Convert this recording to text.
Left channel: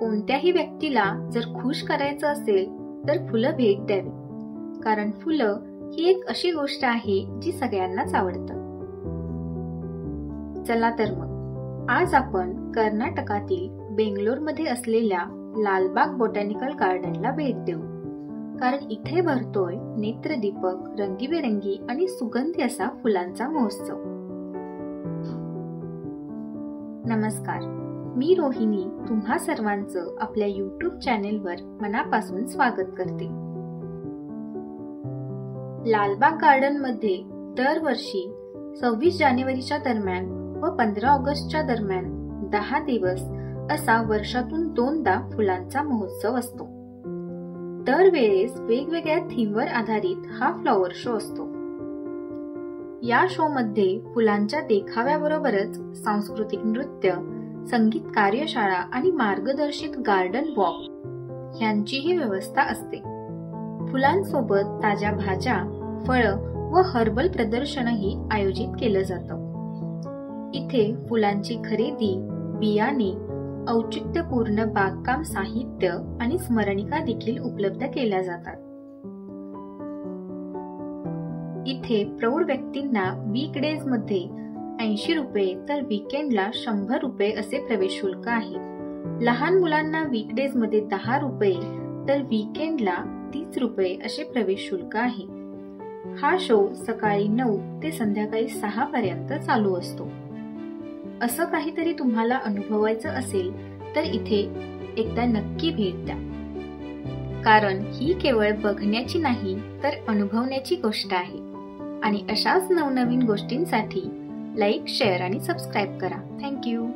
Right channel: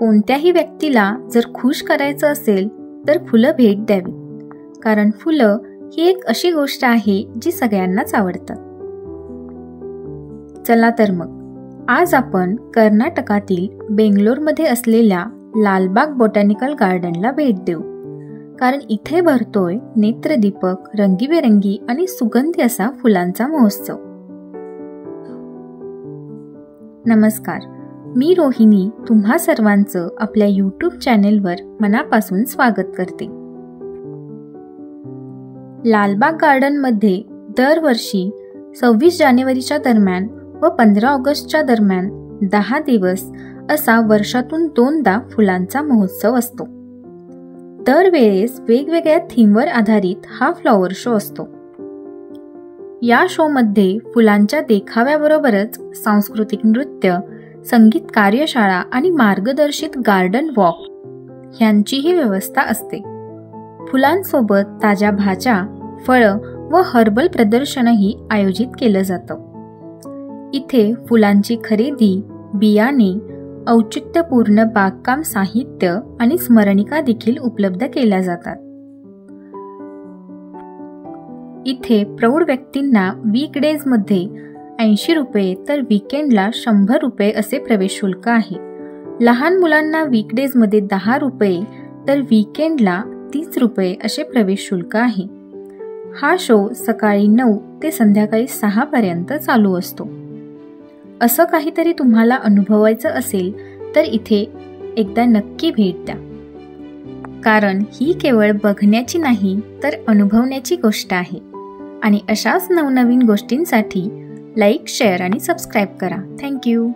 कोणत्याही व्यक्तीला जर खुश करायचं असेल तर फुलं भेट द्यावी, कारण फुलं ही एक अशी गोष्ट आहे जी सगळ्यांनाच आवडतात. चला तर मग आज आपण कर्नाटकातील बेंगलोरमध्ये असलेल्या लालबाग बॉटॅनिकल गार्डनला भेट देऊ, कारण इथे भरतोय नेत्रदीपक, रंगीबेरंगी आणि सुगंधी असा फुलांचा महोत्सव. नमस्कार, मी रोहिणी तुम्हा सर्वांचं आपल्या YouTube चॅनेलवर मनापासून स्वागत करते. लालबाग गार्डनमध्ये दरवर्षी 26 जानेवारीच्या दरम्यान व 15 ऑगस्टच्या दरम्यान 10 दिवस असा वर्षातून 2दा फुलांचा महोत्सव असतो. दरवेळेस वेगवेगळ्या थीमवर आधारित हा फ्लॉवर शो असतो. या शोमध्ये फुलांच्या देखाव्याबरोबरच सांस्कृतिक नृत्य, संगीत कार्यशाळा आणि मार्गदर्शित गार्डन वॉक यांचीही व्यवस्था असते. फुलांसोबत ताज्या भाज्या, फळं व हर्बल प्रदर्शनही आयोजित केलं जातं. इथे फुलांची खरेदी, बियाणे, औचित्यपूर्ण बागकाम साहित्य आणि स्मरणिका देखील उपलब्ध केल्या जातात. इथे प्रौढ व्यक्तींना वीकडेजमध्ये 80 रुपये तर वीकेंडला 100 रुपये असे प्रवेश शुल्क आहे. लहान मुलांना वीकडेजमध्ये 10 रुपये तर वीकेंडला 30 रुपये असे प्रवेश शुल्क आहे. हा शो सकाळी 9 ते संध्याकाळी 6 पर्यंत चालू असतो. असं काहीतरी तुम्हाला अनुभवायचं असेल तर इथे एकदा नक्की भेट द्या, कारण ही केवळ बघण्याची नाही तर अनुभवण्याची गोष्ट आहे. आणि अशाच नवनवीन गोष्टींसाठी लाईक, शेअर आणि सबस्क्राईब करा. थँक्यू.